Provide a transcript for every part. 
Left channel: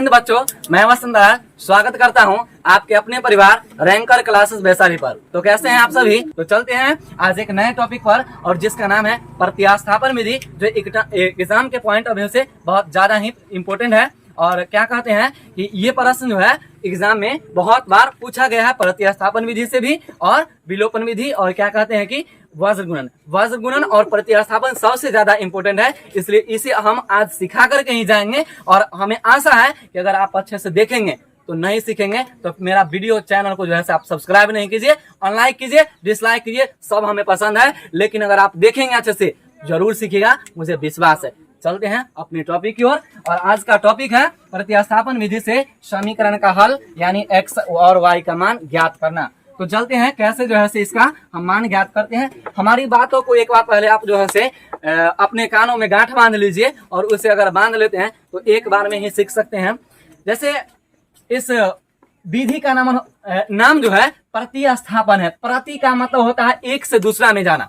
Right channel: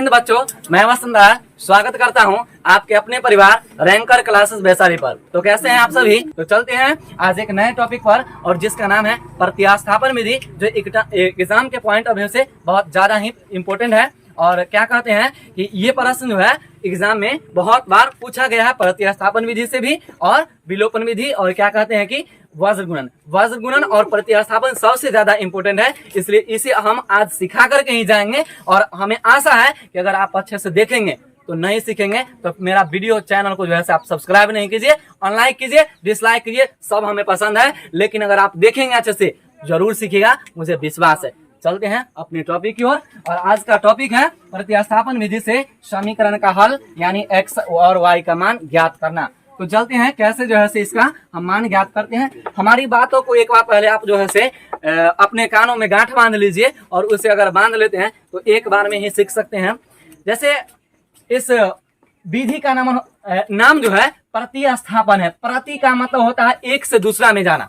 हिंद बच्चों, मैं वसंता स्वागत करता हूं आपके अपने परिवार रैंकर क्लासेस वैशाली पर। तो कैसे हैं आप सभी? तो चलते हैं आज एक नए टॉपिक पर, और जिसका नाम है प्रतिस्थापन विधि, जो एग्जाम के पॉइंट ऑफ व्यू से बहुत ज्यादा ही इम्पोर्टेंट है। और क्या कहते हैं कि ये प्रश्न जो है एग्जाम में बहुत बार पूछा गया है, प्रतिस्थापन विधि से भी और विलोपन विधि, और क्या कहते हैं कि वज्र गुणन और प्रतिस्थापन सबसे ज्यादा इंपॉर्टेंट है। इसलिए इसे हम आज सिखा करके ही जाएंगे, और हमें आशा है कि अगर आप अच्छे से देखेंगे तो नहीं सीखेंगे तो मेरा वीडियो चैनल को जो है आप सब्सक्राइब नहीं कीजिए, अनलाइक कीजिए, डिसलाइक कीजिए, सब हमें पसंद है, लेकिन अगर आप देखेंगे अच्छे से जरूर सीखिएगा, मुझे विश्वास है। चलते हैं अपने टॉपिक की ओर, और आज का टॉपिक है प्रतिस्थापन विधि से समीकरण का हल, यानी x और y का मान ज्ञात करना। तो चलते हैं कैसे जो है से इसका हम मान ज्ञात करते हैं। हमारी बातों को एक बार पहले आप जो है से अपने कानों में गांठ बांध लीजिए, और उसे अगर बांध लेते हैं तो एक बार में ही सीख सकते हैं। जैसे इस विधि का नाम जो है प्रतिस्थापन है। प्रति का मतलब होता है एक से दूसरा में जाना,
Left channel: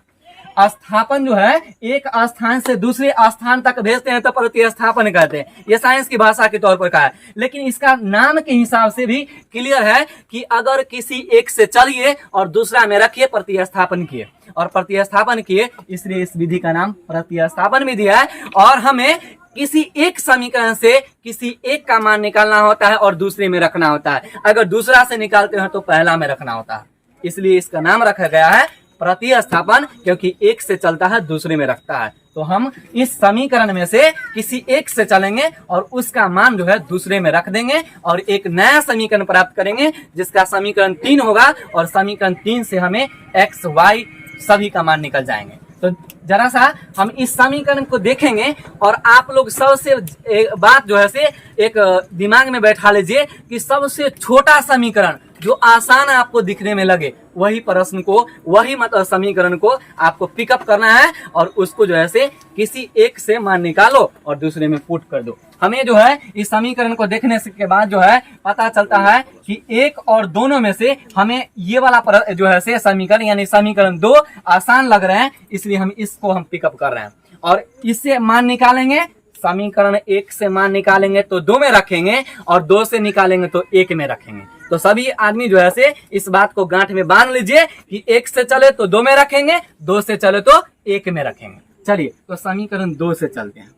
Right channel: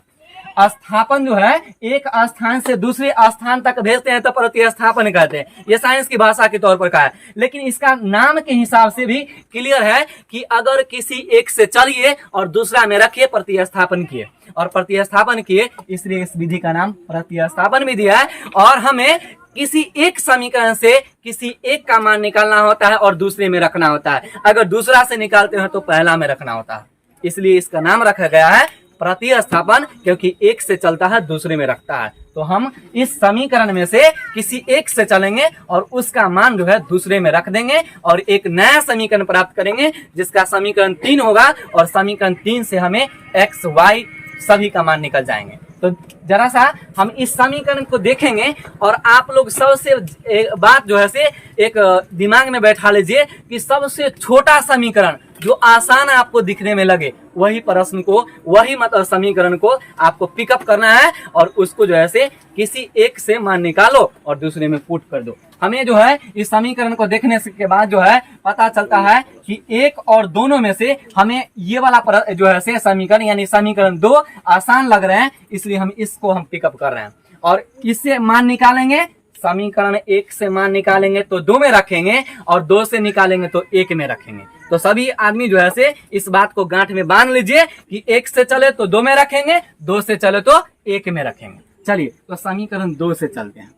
स्थापन जो है एक स्थान से दूसरे स्थान तक भेजते हैं तो प्रतिस्थापन कहते हैं। ये साइंस की भाषा के तौर पर कहा है, लेकिन इसका नाम के हिसाब से भी क्लियर है कि अगर किसी एक से चलिए और दूसरा में रखिए, प्रतिस्थापन किए और प्रतिस्थापन किए, इसलिए इस विधि का नाम प्रतिस्थापन विधि है। और हमें किसी एक समीकरण से किसी एक का मान निकालना होता है और दूसरे में रखना होता है। अगर दूसरा से निकालते हैं तो पहला में रखना होता है, इसलिए इसका नाम रखा गया है प्रतिस्थापन, क्योंकि एक से चलता है दूसरे में रखता है। तो हम इस समीकरण में से किसी एक से चलेंगे और उसका मान जो है दूसरे में रख देंगे, और एक नया समीकरण प्राप्त करेंगे जिसका समीकरण 3 होगा, और समीकरण 3 से हमें x y सभी का मान निकल जाएंगे। तो जरा सा हम इस समीकरण को देखेंगे, और आप लोग सबसे एक बात जो है से एक दिमाग में बैठा लीजिए कि सबसे छोटा समीकरण जो आसान आपको दिखने में लगे, वही प्रश्न को, वही मतलब समीकरण को आपको पिकअप करना है, और उसको जो है से किसी एक से मान निकालो और दूसरे में पुट कर दो। हमें जो है इस समीकरण को देखने के बाद जो है पता चलता है कि एक और दोनों में से हमें ये वाला जो है से समीकरण, यानी समीकरण 2 आसान लग रहे हैं, इसलिए हम इसको हम पिकअप कर रहे हैं। और इससे मान निकालेंगे, समीकरण 1 से मान निकालेंगे तो 2 में रखेंगे, और 2 से निकालेंगे तो 1 में रखेंगे। तो सभी आदमी जो है से इस बात को गांठ में बांध लीजिए कि 1 से चले तो 2 में रखेंगे, 2 से चले तो 1 में रखेंगे। चलिए तो समीकरण 2 से चलते हैं।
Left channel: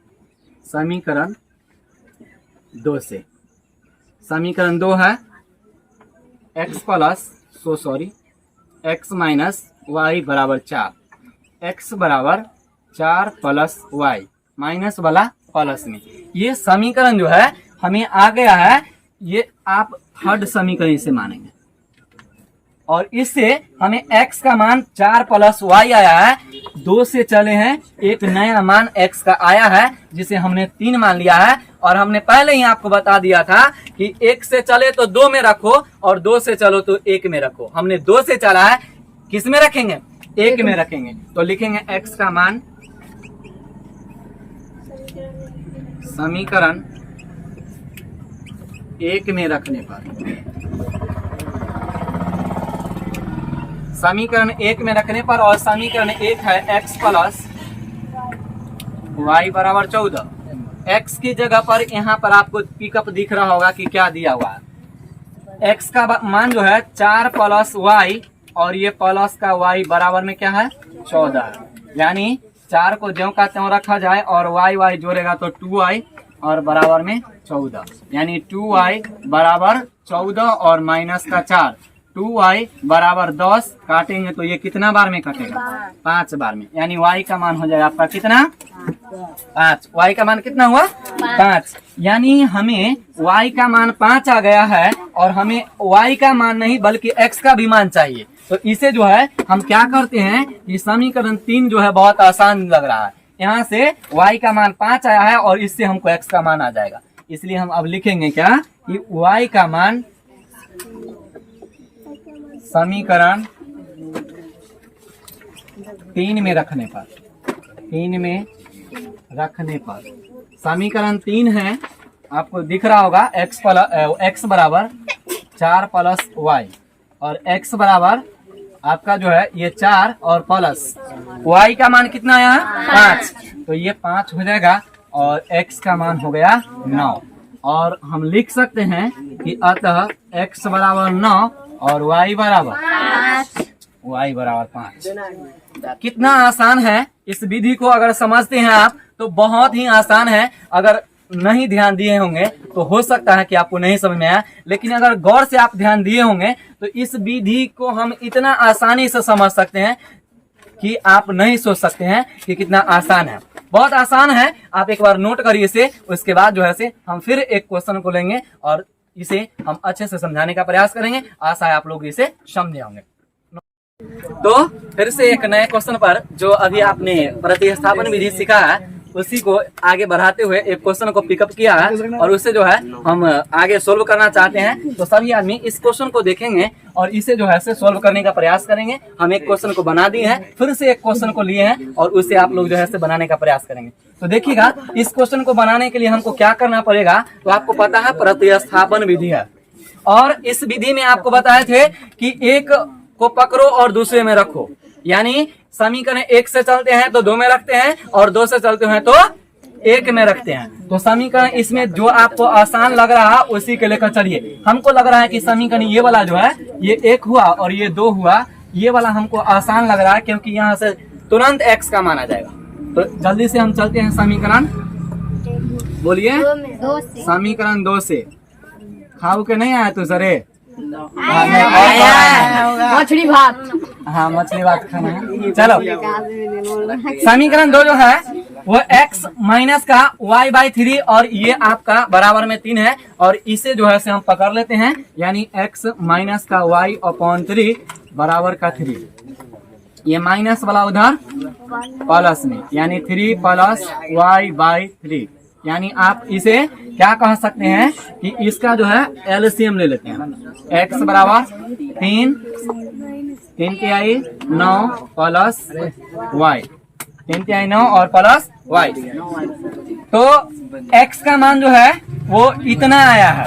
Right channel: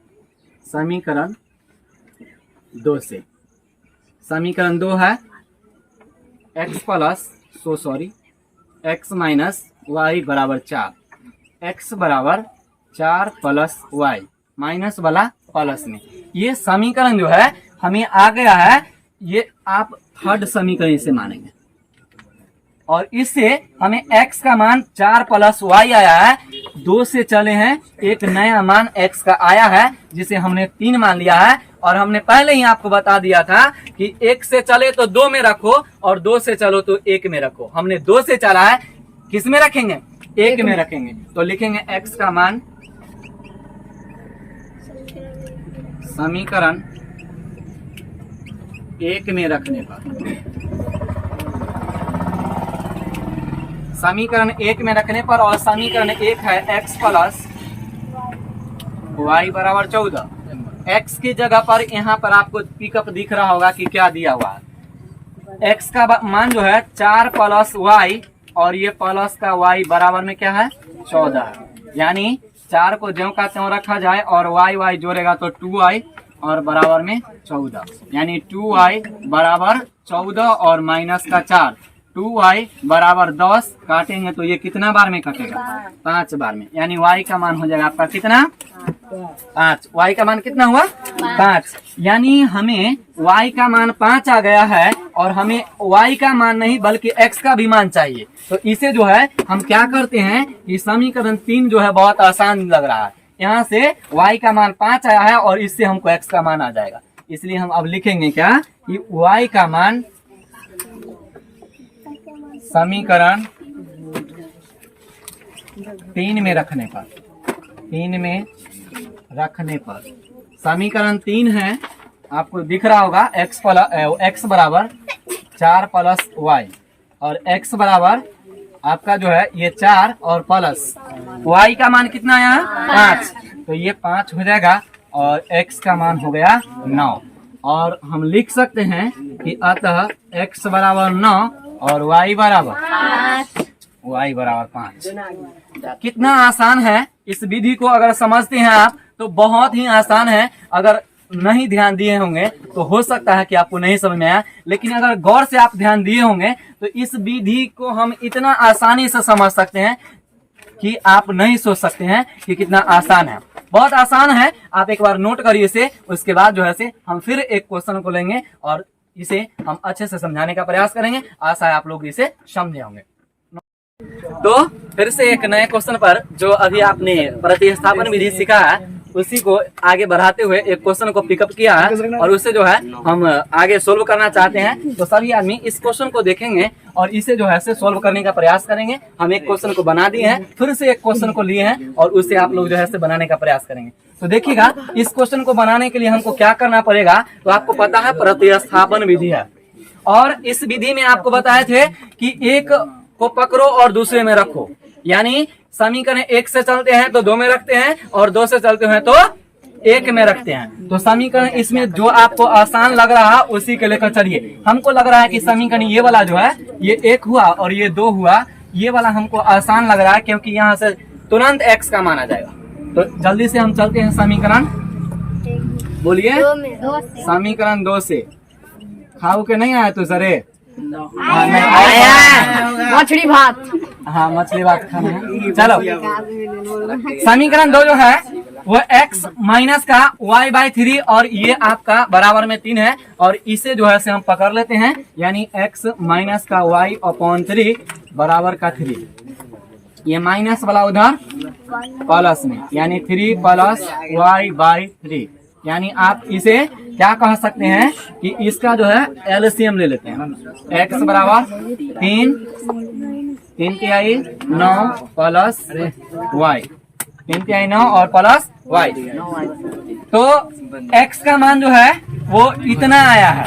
समीकरण 2 से, समीकरण 2 है x माइनस y बराबर 4, x बराबर 4 प्लस y, माइनस वाला प्लस में। ये समीकरण जो है हमें आ गया है, ये आप थर्ड समीकरण इसे मानेंगे, और इससे हमें x का मान 4 प्लस y आया है। 2 से चले हैं, एक नया मान x का आया है जिसे हमने 3 मान लिया है, और हमने पहले ही आपको बता दिया था कि 1 से चले तो 2 में रखो, और 2 से चलो तो 1 में रखो। हमने 2 से चला है, किस में रखेंगे? 1 में रखेंगे। तो लिखेंगे x का मान समीकरण 1 में रखने पर, समीकरण 1 में रखने पर, और समीकरण 1 है x प्लस y बराबर 14। x की जगह पर यहाँ पर आपको पिकअप दिख रहा होगा कि क्या दिया हुआ है। x का मान जो है 4 प्लस y, और ये प्लस का y बराबर में क्या है? 14। यानी 4 को ज्यों का त्यों रखा जाए और y जोड़ेगा तो 2y, और बराबर में 14, यानी 2y बराबर 14 और माइनस का 4, 2y बराबर 10। काटेंगे तो ये कितना बार में कटेगा? 5 बार में। यानी y का मान हो जाएगा आपका कितना? 5। y का मान कितना हुआ? 5। यानी हमें y का मान 5 आ गया है, और हमें y का मान नहीं बल्कि x का भी मान चाहिए। तो इसे जो है हम क्या करते हैं कि समीकरण 3 जो है बहुत आसान लग रहा है। यहाँ से y का मान 5 आया है, और इससे हमको x का मान आ जाएगा। इसलिए हम अब लिखेंगे क्या कि y का मान समीकरण 3 में रखने पर, 3 में रखने पर, समीकरण 3 है, आपको दिख रहा होगा x बराबर 4 प्लस y, और x बराबर आपका जो है ये 4 और प्लस y का मान कितना आया है? 5। तो ये 5 हो जाएगा, और x का मान हो गया 9। और हम लिख सकते हैं कि अतः x बराबर 9 और y बराबर 5। कितना आसान है। इस विधि को अगर समझते हैं आप तो बहुत ही आसान है। अगर नहीं ध्यान दिए होंगे तो हो सकता है कि आपको नहीं समझ में आया, लेकिन अगर गौर से आप ध्यान दिए होंगे तो इस विधि को हम इतना आसानी से समझ सकते हैं कि आप नहीं सोच सकते हैं कि कितना आसान है। बहुत आसान है, आप एक बार नोट करिए इसे। उसके बाद जो है से हम फिर एक क्वेश्चन को लेंगे और इसे हम अच्छे से समझाने का प्रयास करेंगे। आशा है आप लोग इसे समझे होंगे। तो फिर से एक नए क्वेश्चन पर, जो अभी आपने प्रतिस्थापन विधि सीखा है उसी को आगे बढ़ाते हुए एक क्वेश्चन को पिकअप किया है और उससे जो है हम आगे सोल्व करना चाहते हैं। तो सभी आदमी इस क्वेश्चन को देखेंगे और इसे जो है से सोल्व करने का प्रयास करेंगे। हम एक क्वेश्चन को बना दिए हैं, फिर से एक क्वेश्चन को लिए हैं और उससे आप लोग जो है से बनाने का प्रयास करेंगे। तो देखिएगा, इस क्वेश्चन को बनाने के लिए हमको क्या करना पड़ेगा। तो आपको पता है प्रतिस्थापन विधि है, और इस विधि में आपको बताए थे कि एक को पकड़ो और दूसरे में रखो। यानी समीकरण 1 से चलते हैं तो 2 में रखते हैं और 2 से चलते हैं तो 1 में रखते हैं। तो समीकरण इसमें जो आपको आसान लग रहा है उसी के लेकर चलिए। हमको लग रहा है कि समीकरण ये वाला जो है ये 1 हुआ और ये 2 हुआ, ये वाला हमको आसान लग रहा है क्योंकि यहाँ से तुरंत x का मान आ जाएगा। तो जल्दी से हम चलते हैं समीकरण, बोलिए समीकरण 2 से। खाऊ के नहीं आया तू सरे? मछली भात। हाँ, मछली भात खाना है। चलो, समीकरण 2 जो है वो x माइनस का y/3 और ये आपका बराबर में 3 है और इसे जो है से हम पकड़ लेते हैं। यानी x माइनस का y/3 बराबर का 3। ये माइनस वाला उधर प्लस में, यानी 3 प्लस y/3। यानी आप इसे क्या कह सकते हैं कि इसका जो है एलसीएम ले लेते हैं। x बराबर 3 3 9 प्लस y, 3 9 और प्लस y। तो x का मान जो है वो इतना आया है।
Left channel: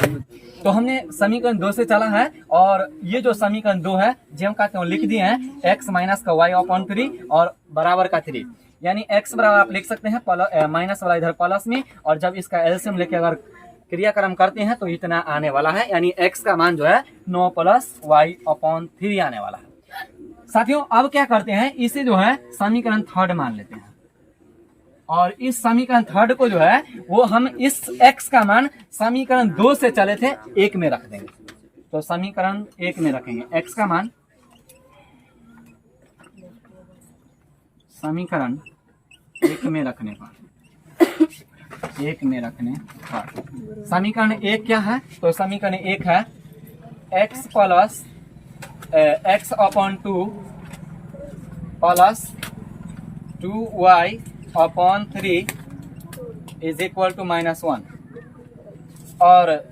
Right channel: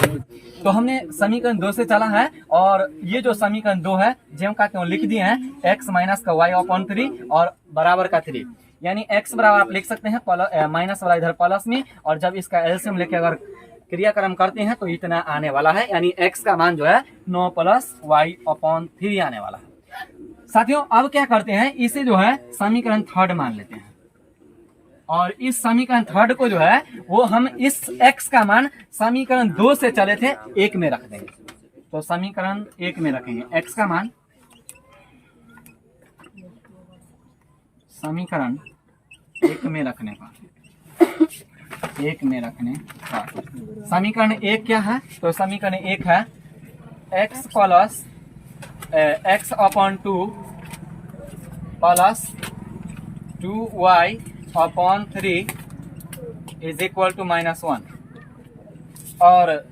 तो हमने समीकरण 2 से चला है और ये जो समीकरण 2 है जो हम कहते हैं लिख दिए हैं x माइनस का y/3 और बराबर का 3। यानी x बराबर आप लिख सकते हैं माइनस वाला इधर प्लस में, और जब इसका एलसीएम लेके अगर क्रियाक्रम करते हैं तो इतना आने वाला है। यानी x का मान जो है 9 प्लस y/3 आने वाला है। साथियों, अब क्या करते हैं, इसे जो है समीकरण 3 मान लेते हैं और इस समीकरण 3 को जो है वो हम इस x का मान समीकरण 2 से चले थे 1 में रख देंगे। तो समीकरण 1 में रखेंगे x का मान, समीकरण 1 में रखने पर 1 में रखने पर समीकरण 1 क्या है? तो समीकरण 1 है x plus x/2 plus 2y/3 is equal to -1। और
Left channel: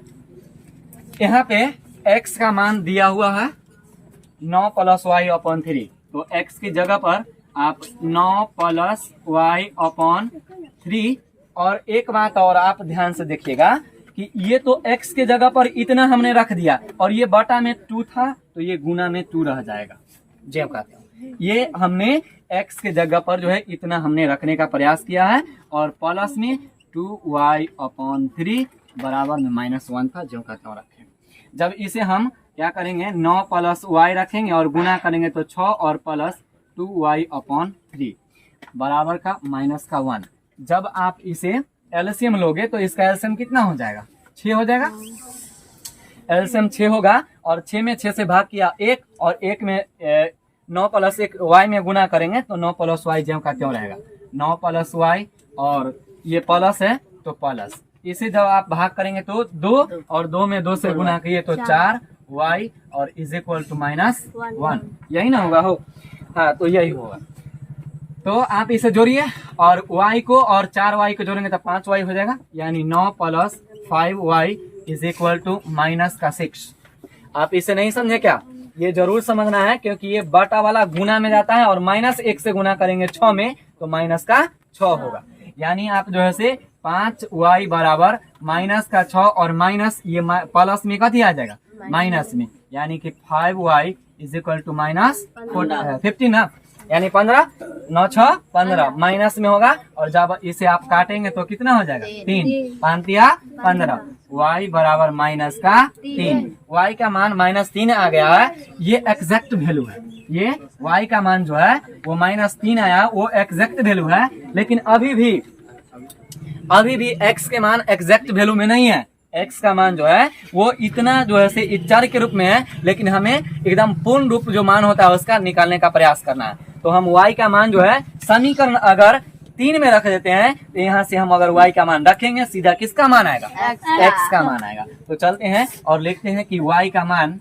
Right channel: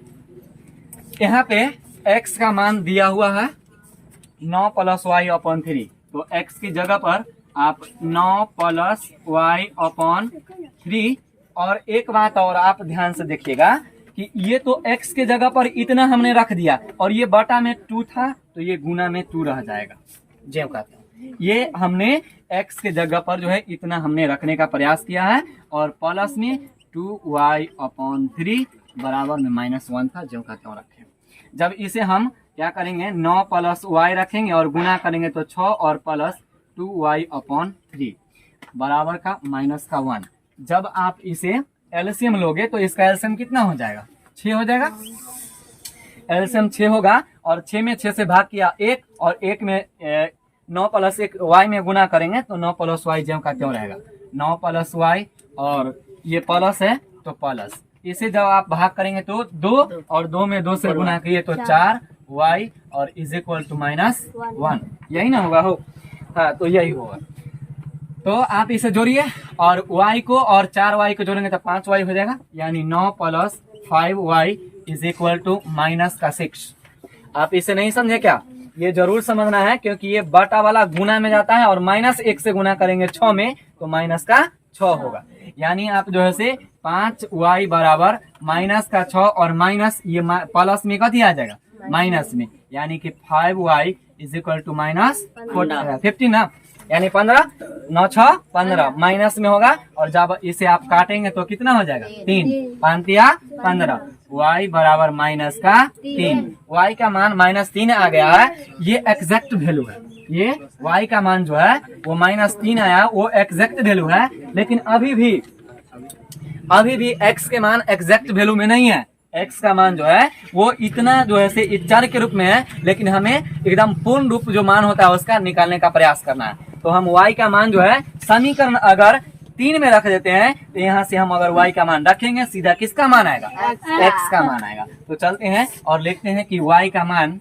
यहाँ पे x का मान दिया हुआ है 9 प्लस y/3। तो x की जगह पर आप 9 प्लस y/3। और एक बात और आप ध्यान से देखिएगा कि ये तो x के जगह पर इतना हमने रख दिया और ये बटा में 2 था तो ये गुना में 2 रह जाएगा। जेब कहते हैं ये हमने x के जगह पर जो है इतना हमने रखने का प्रयास किया है और प्लस में 2y/3 बराबर में -1 था जो कहते हैं रखें। जब इसे हम क्या करेंगे 9 प्लस y रखेंगे और गुना करेंगे तो 6 और प्लस 2y/3 बराबर का -1। जब आप इसे एलसीएम लोगे तो इसका एलसीएम कितना हो जाएगा? 6 हो जाएगा। एलसीएम 6 होगा और 6 में 6 से भाग किया 1 और 1 में 9 प्लस 1 y में गुना करेंगे तो 9 प्लस y जो का क्यों रहेगा 9 प्लस y और ये प्लस है तो प्लस। इसे जब आप भाग करेंगे तो 2 और 2 में 2 से गुना किए तो 4y और इज इक्वल टू -1। यही ना होगा हो? हाँ, तो यही होगा। तो आप इसे जोड़िए और y को और 4y को जोड़ेंगे तो 5y हो जाएगा। यानी 9 plus 5y is equal to -6। आप इसे नहीं समझे क्या? ये जरूर समझना है क्योंकि ये बटा वाला गुना में जाता है और -1 से गुना करेंगे 6 में तो -6 होगा। यानी आप जो है से 5y बराबर -6 और माइनस ये प्लस में कथी आ जाएगा माइनस में, यानी कि 5y इज इक्वल टू -15 ना, यानी 15 9 6 15 माइनस में होगा और जब इसे आप काटेंगे तो कितना हो जाएगा 3 5 15 y बराबर माइनस का 3। y का मान -3 आ गया है, ये एग्जैक्ट वैल्यू है। ये y का मान जो है वो -3 आया, वो एग्जैक्ट वैल्यू है। लेकिन अभी भी x के मान एग्जैक्ट वैल्यू में नहीं है। x का मान जो है वो इतना जो है से चर के रूप में है, लेकिन हमें एकदम पूर्ण रूप जो मान होता है उसका निकालने का प्रयास करना है। तो हम y का मान जो है समीकरण अगर 3 में रख देते हैं, तो यहाँ से हम अगर y का मान रखेंगे सीधा किसका मान आएगा? x का मान आएगा। तो चलते हैं और लिखते हैं कि y का मान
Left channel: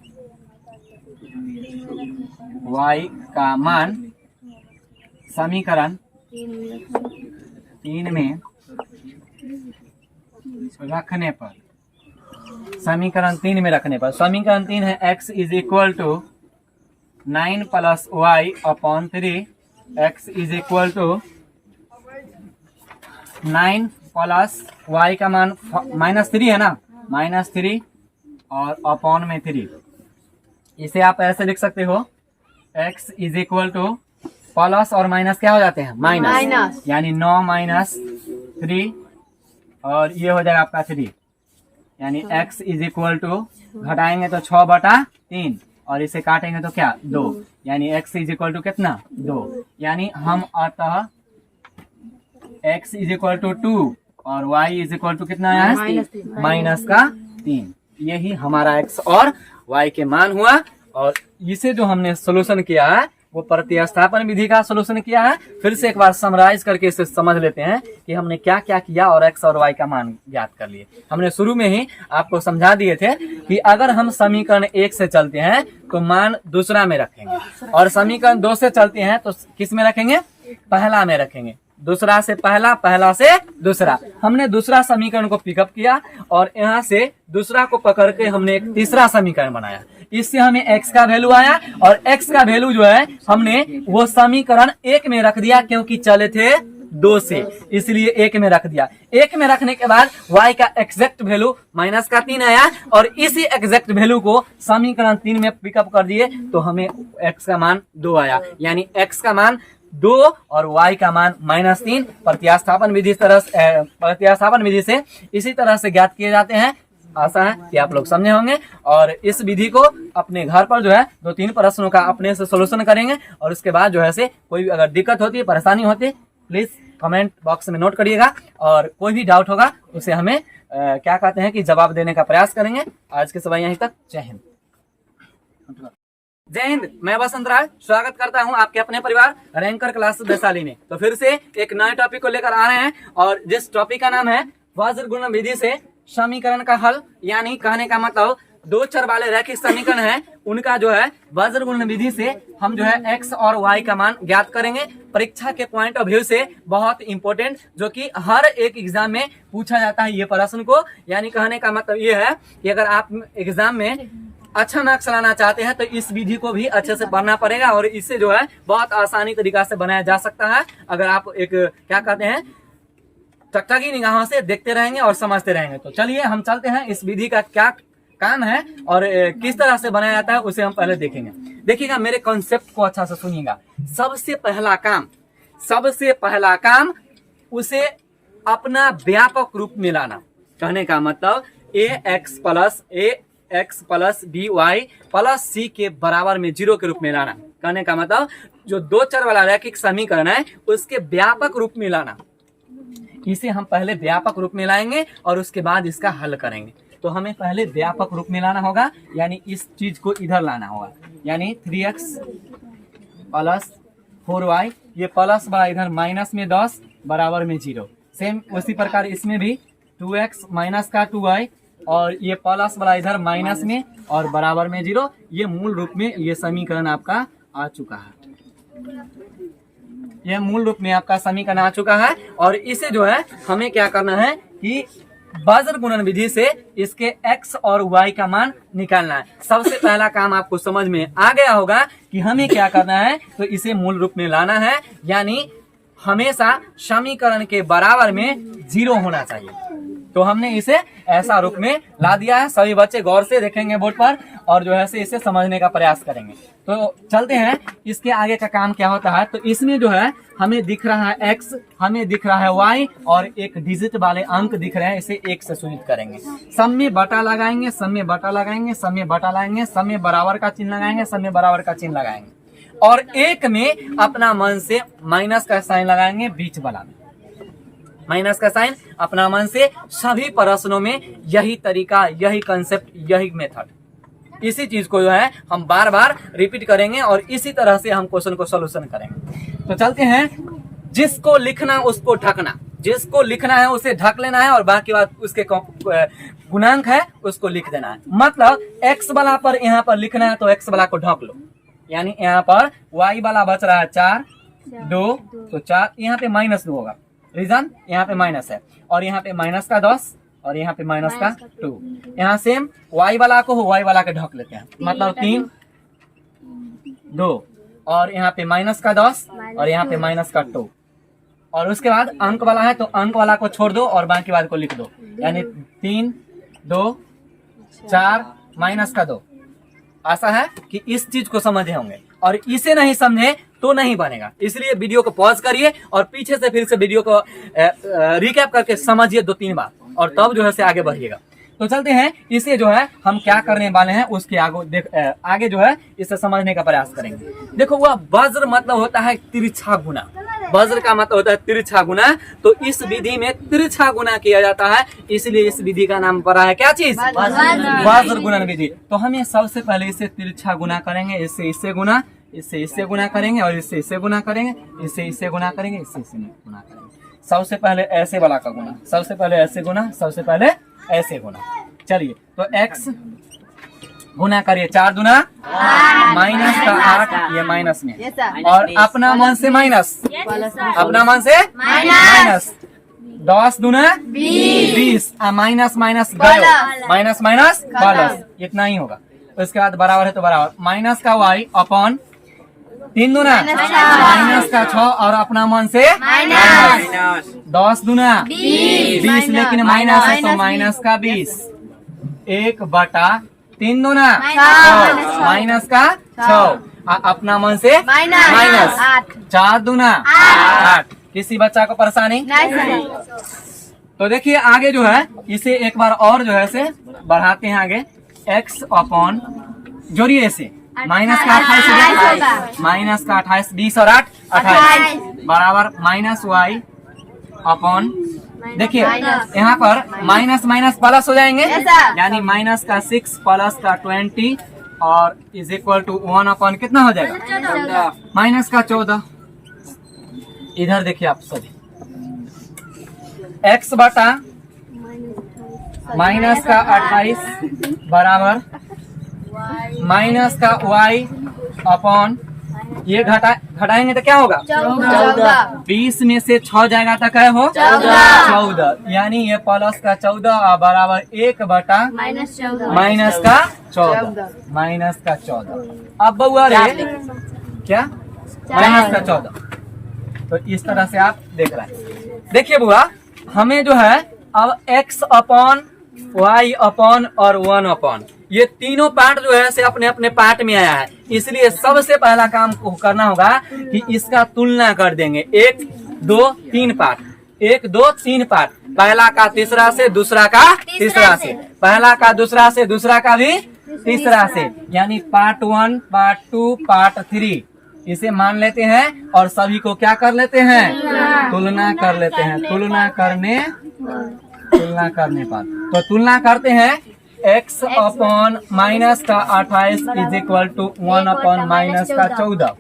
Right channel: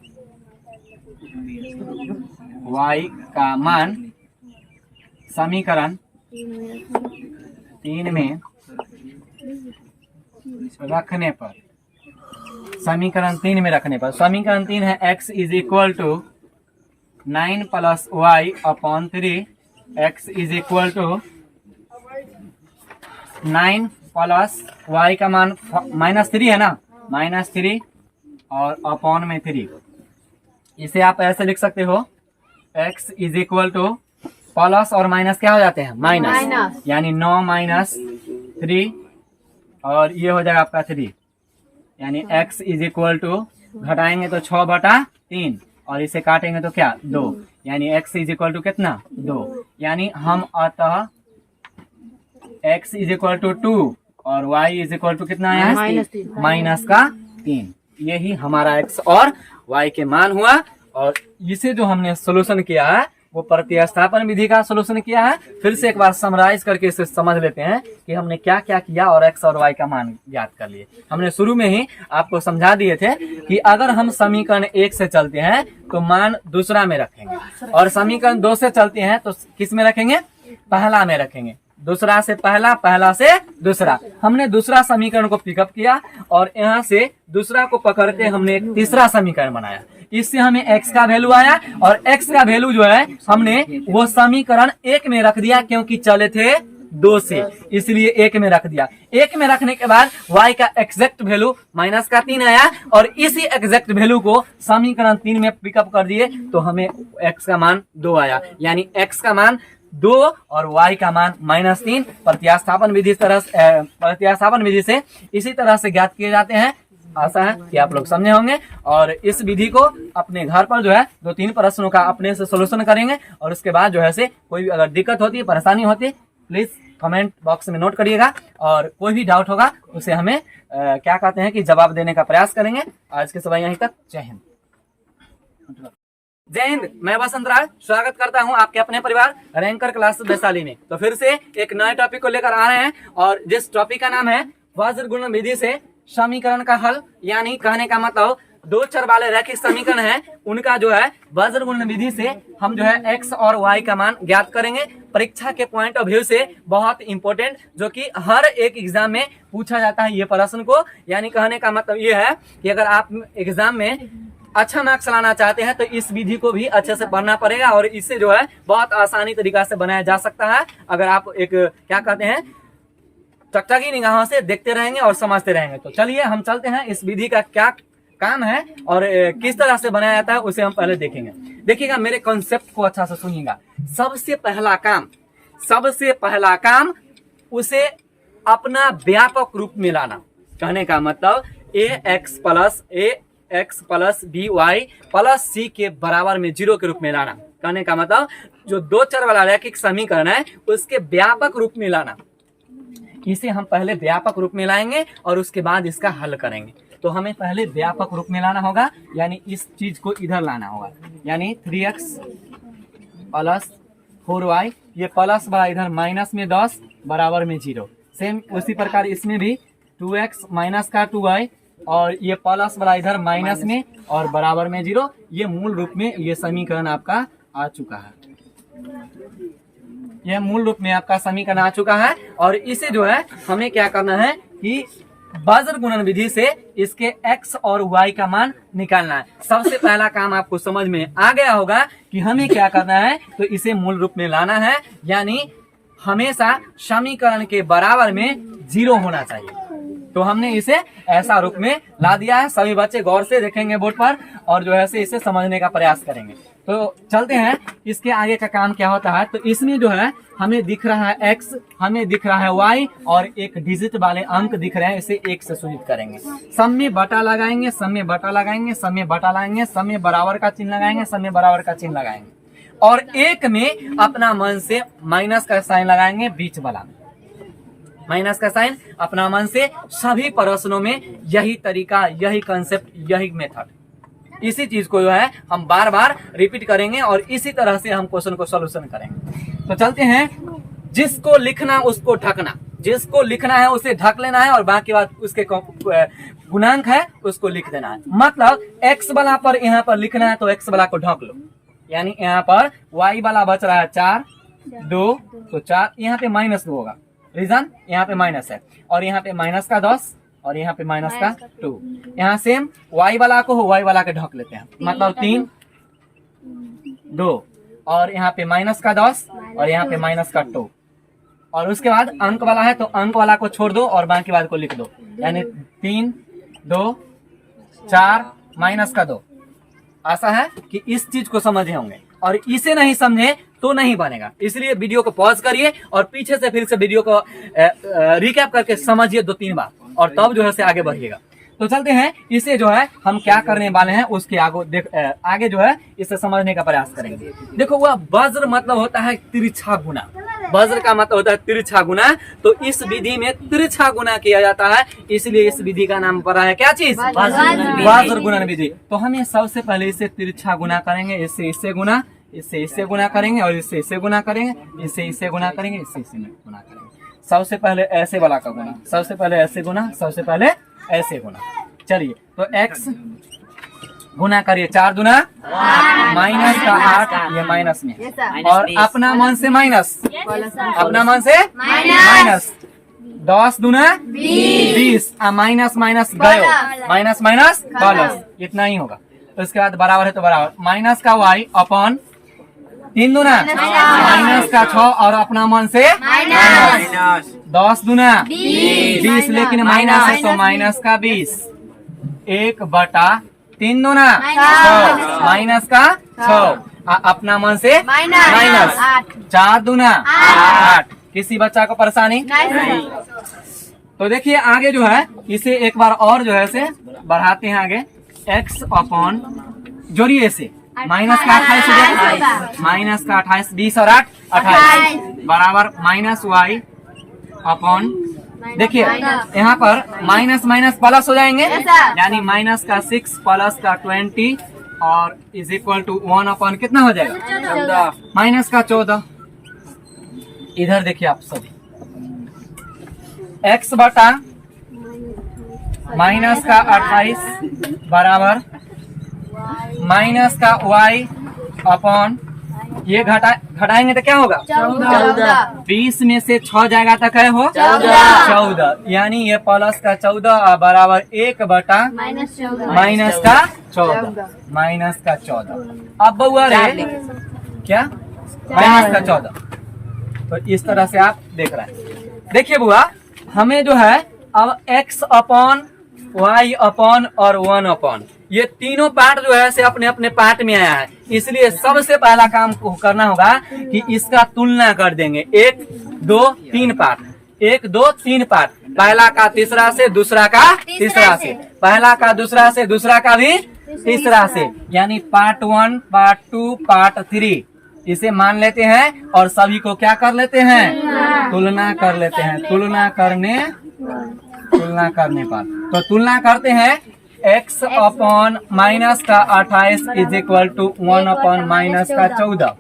समीकरण 3 में रखने पर, समीकरण 3 है x is equal to 9 plus y upon 3। x is equal to 9 plus y का मान -3 है ना, -3 और अपॉन में 3। इसे आप ऐसे लिख सकते हो, x is equal two plus और माइनस क्या हो जाते हैं? माइनस, यानी 9 माइनस 3 और ये हो जाएगा आपका 3, यानी x इज इक्वल टू घटाएंगे तो 6/3 और इसे काटेंगे तो क्या? 2, यानी x इज इक्वल टू कितना? 2। यानी हम अतः x इज इक्वल टू 2 और y इज इक्वल टू कितना है? -3। यही हमारा x और y के मान हुआ। और इसे जो हमने सोल्यूशन किया है वो प्रतिस्थापन विधि का सोल्यूशन किया है। फिर से एक बार समराइज करके इसे समझ लेते हैं कि हमने क्या क्या किया और x और y का मान ज्ञात कर लिए। हमने शुरू में ही आपको समझा दिए थे कि अगर हम समीकरण 1 से चलते हैं तो मान दूसरा में रखेंगे, और समीकरण 2 से चलते हैं तो किस में रखेंगे? पहला में रखेंगे। दूसरा से पहला, पहला से दूसरा। हमने दूसरा समीकरण को पिकअप किया और यहाँ से दूसरा को पकड़ के हमने एक तीसरा समीकरण बनाया। इससे हमें x का वैल्यू आया और x का वैल्यू जो है हमने वो समीकरण 1 में रख दिया, क्योंकि चले थे 2 से, इसलिए 1 में रख दिया। 1 में रखने के बाद y का एग्जैक्ट वैल्यू -3 आया और इसी एग्जैक्ट वैल्यू को समीकरण 3 में पिकअप कर दिए तो हमें x का मान 2 आया, यानी x का मान 2 और y का मान -3 प्रतिस्थापन विधि से इसी तरह से ज्ञात किए जाते हैं। आशा है कि आप लोग समझे होंगे और इस विधि को अपने घर पर जो है 2-3 प्रश्नों का अपने से सोल्यूशन करेंगे। और उसके बाद जो है से कोई अगर दिक्कत होती है, परेशानी होती है, प्लीज कमेंट बॉक्स में नोट करिएगा और कोई भी डाउट होगा उसे हमें क्या कहते हैं कि जवाब देने का प्रयास करेंगे। आज के सवाल यहीं तक। जय हिंद। जय हिंद। मैं वसंत राय स्वागत करता हूं आपके अपने परिवार रैंकर क्लासेस वैशाली में। तो फिर से एक नए टॉपिक को लेकर आ रहे हैं और जिस टॉपिक का नाम है वज्र गुणन विधि से समीकरण का हल, यानी कहने का मतलब 2 चर वाले रैखिक समीकरण हैं, उनका जो है वज्र गुणन विधि से हम जो है x और y का मान ज्ञात करेंगे। परीक्षा के पॉइंट ऑफ व्यू से बहुत इंपॉर्टेंट, जो कि हर एक एग्जाम में पूछा जाता है ये प्रश्न को। यानी कहने का मतलब ये है कि अगर आप एग्जाम में अच्छा मार्क्स लाना चाहते हैं तो इस विधि को भी अच्छे से पढ़ना पड़ेगा और इससे जो है बहुत आसानी तरीका से बनाया जा सकता है। अगर आप एक क्या कहते हैं टकटकी निगाहों से देखते रहेंगे और समझते रहेंगे। तो चलिए हम चलते हैं, इस विधि का क्या काम है और किस तरह से बनाया जाता है उसे हम पहले देखेंगे। देखिएगा, मेरे कॉन्सेप्ट को अच्छा से सुनिएगा। सबसे पहला काम उसे अपना व्यापक रूप में लाना। कहने का मतलब ax plus by plus c के बराबर में 0 के रूप में लाना। कहने का मतलब जो 2 चर वाला रैखिक समीकरण है उसके व्यापक रूप में लाना। इसे हम पहले व्यापक रूप में लाएंगे और उसके बाद इसका हल करेंगे। तो हमें पहले व्यापक रूप में लाना होगा, यानी इस चीज को इधर लाना होगा, यानी 3x प्लस 4y, ये प्लस वाला इधर माइनस में 10 बराबर में 0। सेम उसी प्रकार इसमें भी 2x माइनस का 2y और ये प्लस वाला इधर माइनस में और बराबर में 0। ये मूल रूप में ये समीकरण आपका आ चुका है। यह मूल रूप में आपका समीकरण आ चुका है और इसे जो है हमें क्या करना है कि वज्र गुणन विधि से इसके x और y का मान निकालना है। सबसे पहला काम आपको समझ में आ गया होगा कि हमें क्या करना है, तो इसे मूल रूप में लाना है, यानी हमेशा समीकरण के बराबर में 0 होना चाहिए। तो हमने इसे ऐसा रूप में ला दिया है। सभी बच्चे गौर से देखेंगे बोर्ड पर और जो है से इसे समझने का प्रयास करेंगे। तो चलते हैं, इसके आगे का काम क्या होता है। तो इसमें जो है हमें दिख रहा है x, हमें दिख रहा है y और एक डिजिट वाले अंक दिख रहे हैं, इसे 1 से सूचित करेंगे। सम में बटा लगाएंगे, सम में बटा लगाएंगे, सम में बटा लगाएंगे, सम में बराबर का चिन्ह लगाएंगे, सम में बराबर का चिन्ह लगाएंगे और एक में अपना मन से माइनस का साइन लगाएंगे बीच वाला में, माइनस का साइन अपना मन से। सभी प्रश्नों में यही तरीका, यही कंसेप्ट, यही मेथड, इसी चीज को जो है हम बार बार रिपीट करेंगे और इसी तरह से हम क्वेश्चन को सोल्यूशन करेंगे। तो चलते हैं, जिसको लिखना उसको ढकना, जिसको लिखना है उसे ढक लेना है और बाकी बात उसके गुणांक है उसको लिख देना है। मतलब x वाला पर यहाँ पर लिखना है तो x वाला को ढक लो, यानी यहाँ पर y वाला बच रहा है 4, 2 तो 4, यहाँ पे -2 होगा, रीजन यहाँ पे माइनस है और यहाँ पे माइनस का 10 और यहाँ पे माइनस का 2। यहाँ सेम y वाला को हो, y वाला के ढक लेते हैं, मतलब 3, 2 और यहाँ पे माइनस का 10 और यहाँ पे माइनस का 2 और उसके बाद अंक वाला है तो अंक वाला को छोड़ दो और बाकी बात को लिख दो, यानी 3, 2, 4 माइनस का 2। आशा है कि इस चीज को समझे होंगे और इसे नहीं समझे तो नहीं बनेगा, इसलिए वीडियो को पॉज करिए और पीछे से फिर से वीडियो को रिकैप करके समझिए 2-3 बार और तब जो है से आगे बढ़िएगा। तो चलते हैं, इसे जो है हम क्या करने वाले हैं उसके आगे जो है इसे समझने का प्रयास करेंगे। देखो, वह वज्र मतलब होता है तिरछा गुना, वज्र का मतलब होता है तिरछा गुना। तो इस विधि में तिरछा गुना किया जाता है, इसलिए इस विधि का नाम पड़ा है क्या चीज? वज्र गुणन विधि। तो हमें सबसे पहले इसे तिरछा गुना करेंगे, इससे इससे गुना, इससे इससे गुना करेंगे और इससे इससे गुना करेंगे, इससे इससे गुना करेंगे, इससे इससे गुना करेंगे। सबसे पहले ऐसे वाला का गुना, सबसे पहले ऐसे गुना, सबसे पहले ऐसे गुना। चलिए, तो x गुना करिए 4 दूना माइनस का 8, ये माइनस में और अपना मन से माइनस, अपना मन से माइनस 10 दूना 20, माइनस माइनस गयो, माइनस माइनस प्लस, इतना ही होगा। उसके बाद बराबर है तो बराबर माइनस का y अपन 3 दूना माइनस का 6 और अपना मन से माइनस 10 दूना 20, लेकिन माइनस है तो माइनस का 20, 1/3 दूना 6 माइनस का 6 अपना मन से माइनस 4 दूना 8। किसी बच्चा को परेशानी? तो देखिए आगे जो है इसे एक बार और जो है से बढ़ाते हैं आगे, x अपॉन जोड़िए इसे, माइनस का 28, माइनस का 28, 20 और 8 28 बराबर माइनस y अपॉन, देखिए यहाँ पर माइनस माइनस प्लस हो जाएंगे, यानी माइनस का 6 प्लस का 20 और इज इक्वल टू 1 अपॉन कितना हो जाएगा? माइनस का 14। इधर देखिए आप सभी, x बटा माइनस का 28 बराबर माइनस का y अपॉन, ये घटाएंगे तो क्या होगा? 20 में से 6 जाएगा तो क्या हो? 14, यानी ये प्लस का 14 बराबर 1/- माइनस का 14, माइनस का 14। अब बउआ रे क्या? माइनस का 14। तो इस तरह से आप देख रहे हैं। देखिए बुआ, हमें जो है अब x अपॉन y अपॉन और 1 अपॉन, ये तीनों पार्ट जो है से अपने अपने पार्ट में आया है, इसलिए सबसे पहला काम को करना होगा कि इसका तुलना कर देंगे। 1 2 3 पार्ट, 1 2 3 पार्ट, पहला का तीसरा से, दूसरा का तीसरा से, पहला का दूसरा से, दूसरा का भी तीसरा से, यानी पार्ट 1 पार्ट 2 पार्ट 3 इसे मान लेते हैं और सभी को क्या कर लेते हैं? तुलना कर लेते हैं। तुलना करने पर तो तुलना करते हैं, x अपॉन माइनस का 28 is equal to 1 upon minus का 14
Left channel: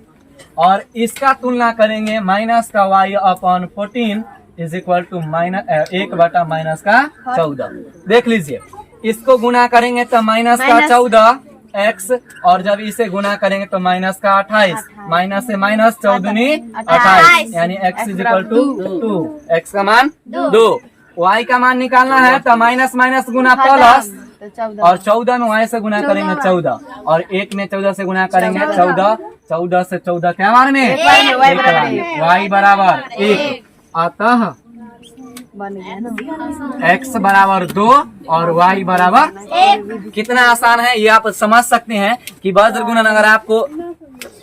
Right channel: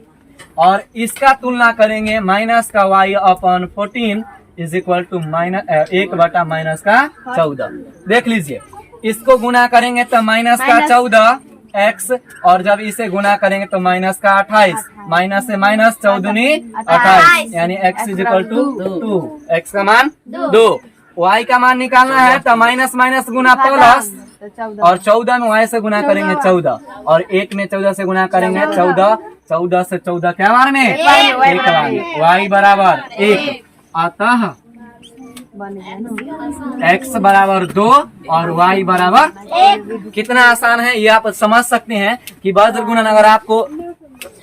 और इसका तुलना करेंगे माइनस का y upon 14 is equal to 1/- minus का 14। देख लीजिए, इसको गुना करेंगे तो माइनस का 14 x और जब इसे गुना करेंगे तो माइनस का 28, माइनस से माइनस 14 28, यानी x is equal to 2, x का मान 2, y का मान निकालना है तो माइनस माइनस गुना प्लस और 14 में y से गुना करेंगे 14 और 1 में 14 से गुना करेंगे 14, 14 से 14 क्या बार में? एक बार में, y बराबर 1, अतः x बराबर 2 और y बराबर 1। कितना आसान है ये आप समझ सकते हैं कि वज्र गुणन अगर आपको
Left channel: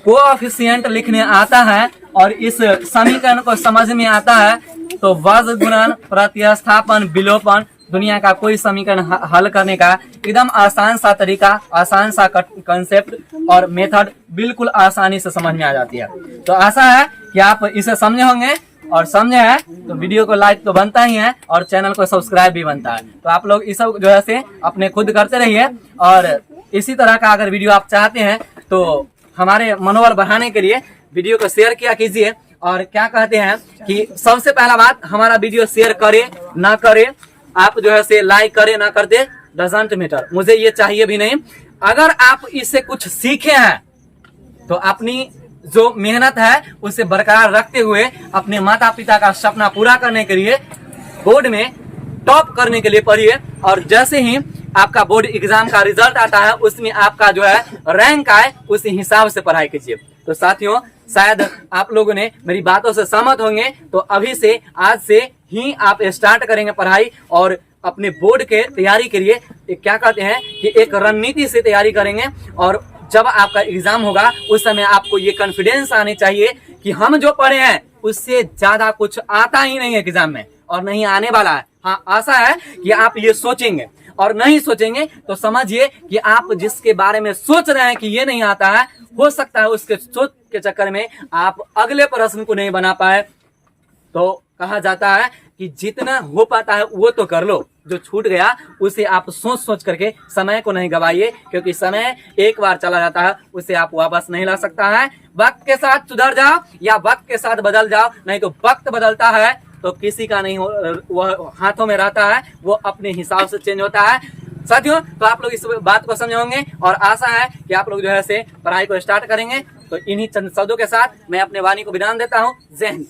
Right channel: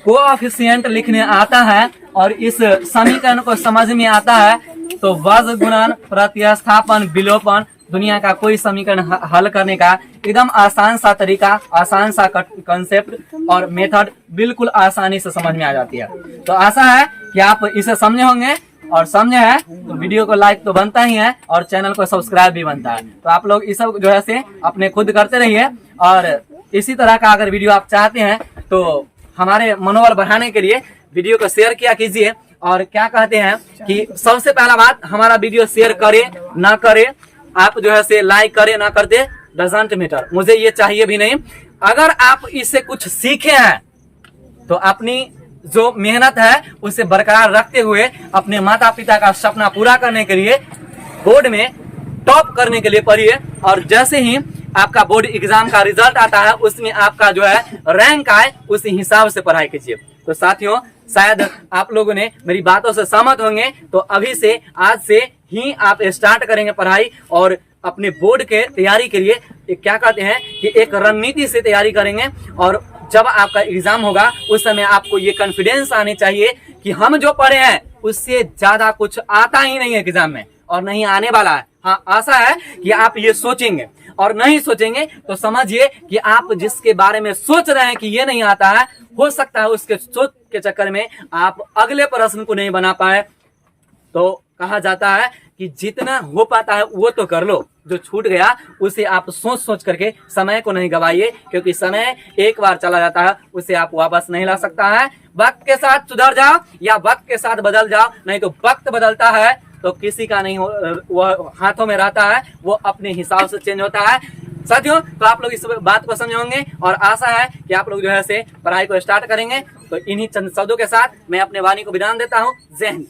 कोएफिशिएंट लिखने आता है और इस समीकरण को समझ में आता है तो वर्ग गुणन प्रतिस्थापन विलोपन दुनिया का कोई समीकरण हल करने का एकदम आसान सा तरीका, आसान सा कंसेप्ट और मेथड बिल्कुल आसानी से समझ में आ जाती है। तो आशा है कि आप इसे समझे होंगे, और समझे हैं तो वीडियो को लाइक तो बनता ही है और चैनल को सब्सक्राइब भी बनता है। तो आप लोग इस सब जो है से अपने खुद करते रहिए, और इसी तरह का अगर वीडियो आप चाहते हैं तो हमारे मनोबल बढ़ाने के लिए वीडियो को शेयर किया कीजिए। और क्या कहते हैं कि सबसे पहला बात, हमारा वीडियो शेयर करे ना करे, आप जो है से लाइक करे ना करते, डजंट मैटर, मुझे ये चाहिए भी नहीं। अगर आप इससे कुछ सीखे हैं तो अपनी जो मेहनत है उसे बरकरार रखते हुए अपने माता पिता का सपना पूरा करने के लिए बोर्ड में टॉप करने के लिए पढ़िए। और जैसे ही आपका बोर्ड एग्जाम का रिजल्ट आता है उसमें आपका जो है रैंक आए, उसी हिसाब से पढ़ाई कीजिए। तो साथियों, शायद आप लोगों ने मेरी बातों से सहमत होंगे, तो अभी से, आज से ही आप स्टार्ट करेंगे पढ़ाई और अपने बोर्ड के तैयारी के लिए क्या कहते हैं कि एक रणनीति से तैयारी करेंगे। और जब आपका एग्जाम होगा उस समय आपको ये कॉन्फिडेंस आनी चाहिए कि हम जो पढ़े हैं उससे ज्यादा कुछ आता ही नहीं है एग्जाम में और नहीं आने वाला है। हाँ, आशा है कि आप ये सोचेंगे, और नहीं सोचेंगे तो समझिए कि आप जिसके बारे में सोच रहे हैं कि ये नहीं आता है, हो सकता है उसके सोच के चक्कर में आप अगले प्रश्न को नहीं बना पाए। तो कहा जाता है कि जितना हो पाता है वो तो कर लो, जो छूट गया उसे आप सोच सोच करके समय को नहीं गवाइए, क्योंकि समय एक बार चला जाता है, उसे आप वापस नहीं ला सकता है। वक्त के साथ सुधर जाओ या वक्त के साथ बदल जाओ, नहीं तो वक्त बदलता है तो किसी का नहीं, वो हाथों में रहता है, वो अपने हिसाब से चेंज होता है। साथियों, तो आप लोग इस बात को समझे होंगे और आशा है कि आप लोग जो है से पढ़ाई को स्टार्ट करेंगे। तो इन्हीं चंद शब्दों के साथ मैं अपने वाणी को विराम देता हूँ। जय हिंद।